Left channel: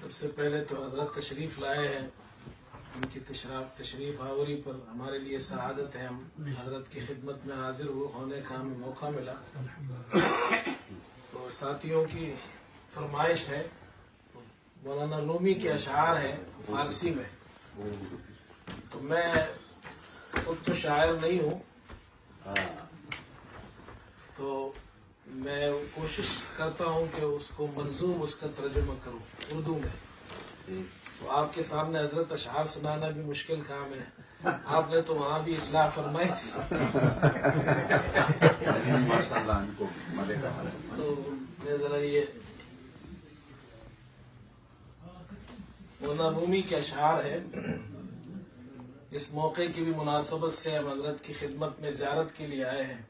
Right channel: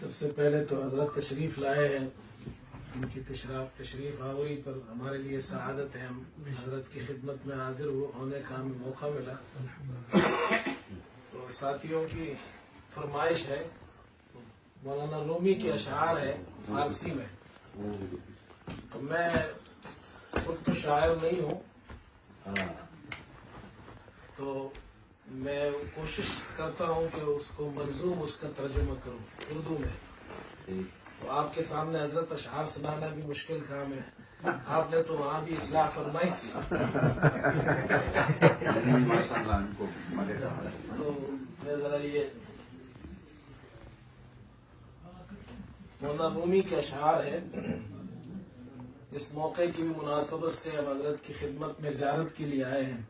سب سے پہلے تو حضرت تشریف لائے ہیں، ان کی تشریف آوری پر ہمارے لیے سعادت ہے، ہم حضرت کی خدمت میں حاضر ہونے کا ہمیں موقع ملا۔ تو ساتھیوں کی فرمائش ہے، مولانا رومی کے اشعار ہیں فارسی میں، تو میں خود تو شاعر نہیں ہوں، تو میں کوشش کرتا ہوں کہ اس کو منظوم اس کا ترجمہ کروں اردو میں۔ تو آپ کے سامنے حضرت اشعار سنانا بھی مشکل کام ہے، آپ نے تو وہاں بھی اصلاح فرمائی تھی، تو میں ذرا یہ مولانا رومی کے اشعار ہے، اس موقع کی بھی مناسبت سے ہم حضرت کی خدمت میں زیارت کے لیے آئے ہیں۔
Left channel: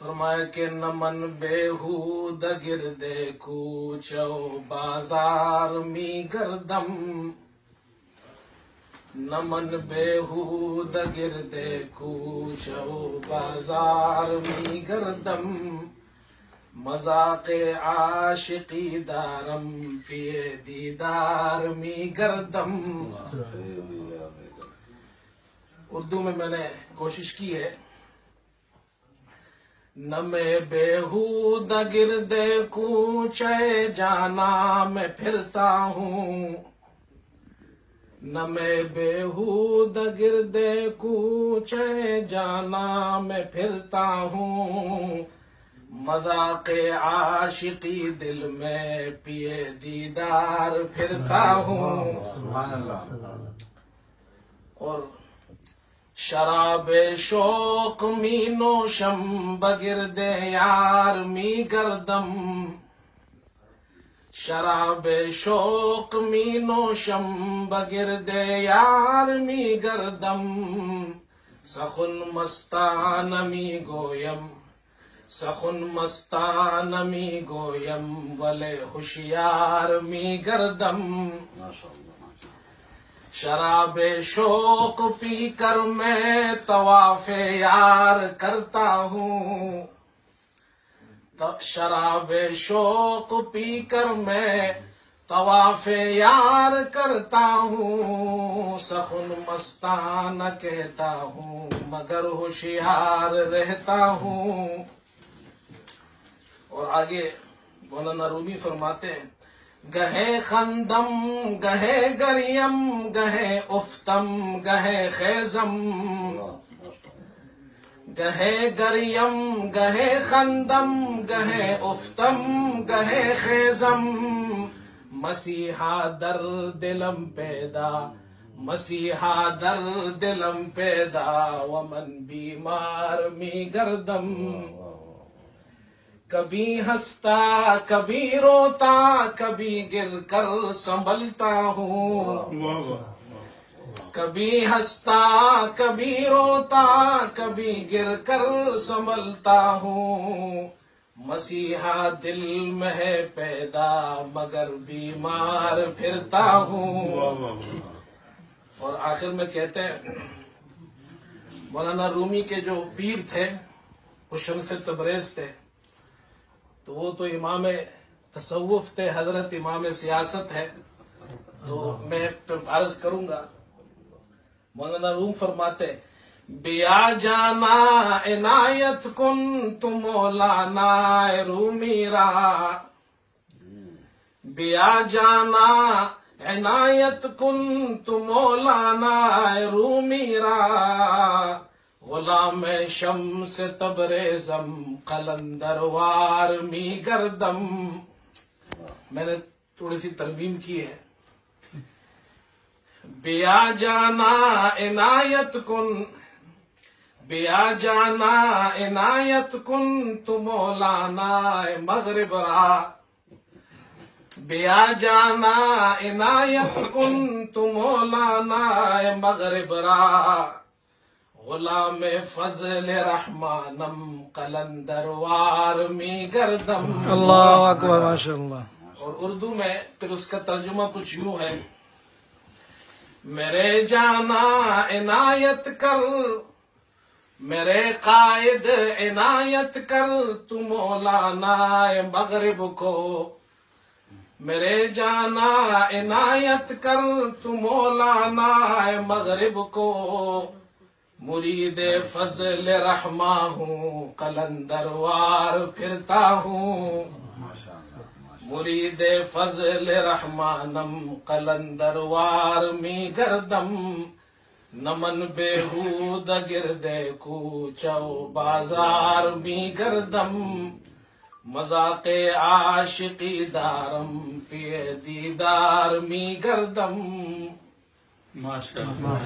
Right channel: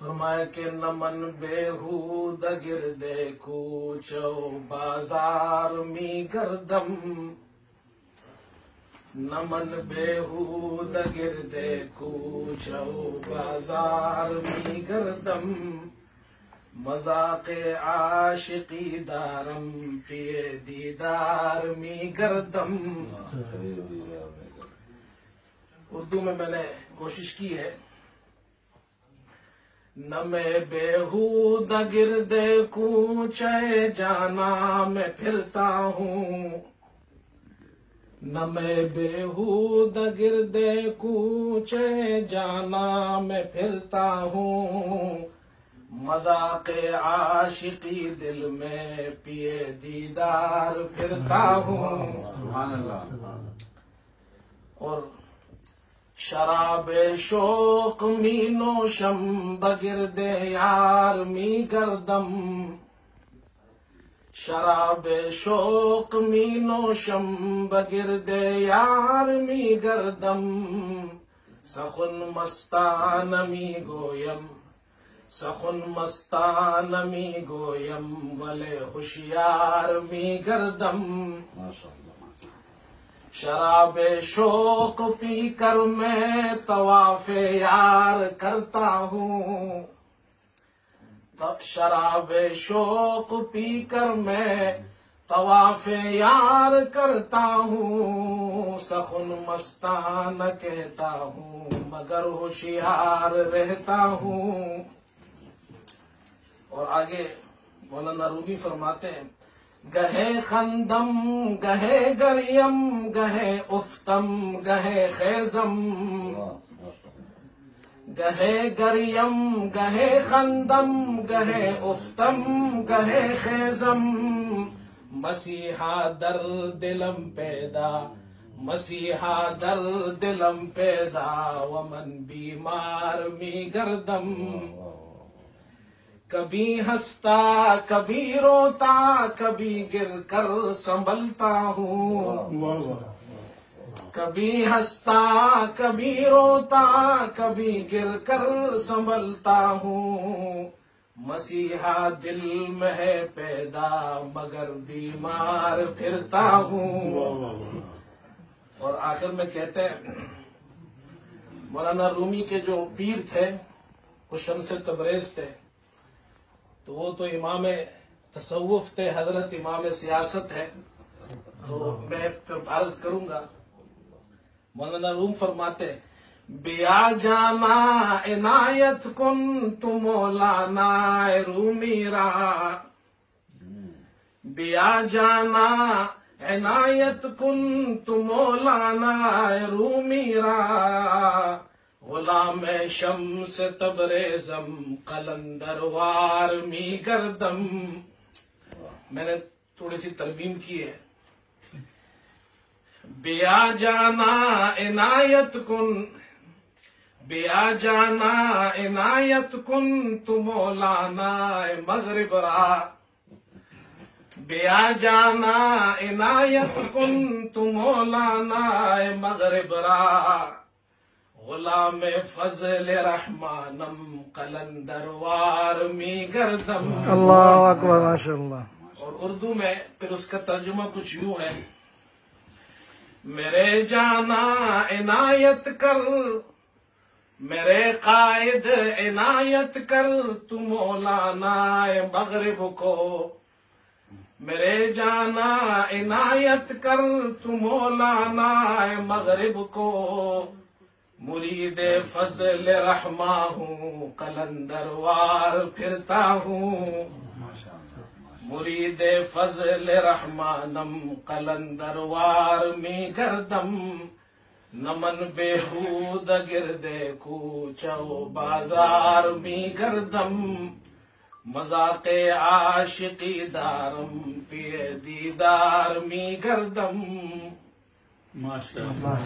فرمایا کہ نمن بےہود گردے کوچو بازار می گردم، نمن بےہود گردے کوچو بازار می گردم، مذاق عاشقی دارم پیے دیدار می گردم۔ اردو میں نے کوشش کی ہے، نہ میں بےہود گردے کوچے جانا میں پھرتا ہوں، نہ میں بےہود گردے کوچے جانا میں پھرتا ہوں، مذاق عاشقی دل میں پیے دیدار پھرتا ہوں۔ سبحان اللہ۔ اور شراب شوق می نوشم بگرد یار می گردم، شراب شوق می نوشم بگرد یار می گردم، سخن مستان می گویم، سخن مستان می گویم، ولے ہوشیار می گردم۔ شراب شوق پی کر میں طواف یار کرتا ہوں، شراب شوق پی کر میں طواف یار کرتا ہوں، سخن مستان کہتا ہوں مگر ہوشیار رہتا ہوں۔ اور آگے مولانا رومی فرماتے ہیں، گہے خندم گہے گریم گہے افتم گہے خیزم، گہے گریم گہے خندم گہے افتم گہے خیزم، مسیحا در دلم پیدا، مسیحا در دلم پیدا، ومن بیمار می گردم، کبھی ہنستا کبھی روتا کبھی گر کر سنبھلتا ہوں، کبھی ہنستا کبھی روتا کبھی گر کر سنبھلتا ہوں، مسیحا دل میں ہے پیدا مگر بیمار پھرتا ہوں۔ اور آخر میں کہتے ہیں، مولانا رومی کے جو پیر تھے وہ شمس تبریز تھے، تو وہ تو امام تصوف تھے، حضرت امام سیاست ہے، تو میں عرض کروں گا۔ مولانا روم فرماتے، بیا جانا عنایت کن تو مولانا رومی را، بیا جانا عنایت کن تو مولانا رومی را، غلام شمس تبریزم قلندروار می گردم۔ میں نے تھوڑی سی ترمیم کی ہے، بیا جانا عنایت کن، بیا جانا عنایت کن تو مولانا مغرب را، بیا جانا عنایت کن تو مولانا مغرب را، غلام فضل رحمانم قلندروار می گردم۔ اللہ اکبر، ماشاء اللہ۔ اور اردو میں پھر اس کا ترجمہ کچھ یوں ہے، میرے جانا عنایت کر میرے قائد عنایت کر تو مولانا مغرب کو، میرے جانا عنایت کر تو مولانا مغرب کو، مرید فضل رحماں ہوں قلندر وار پھرتا ہوں، مرید فضل رحمانم قلندر وار می گردم، نمن بےحود گردے کوچو بازار می گردم، مذاق عاشقی دارم پیے دیدار می گردم. ماشاءاللہ.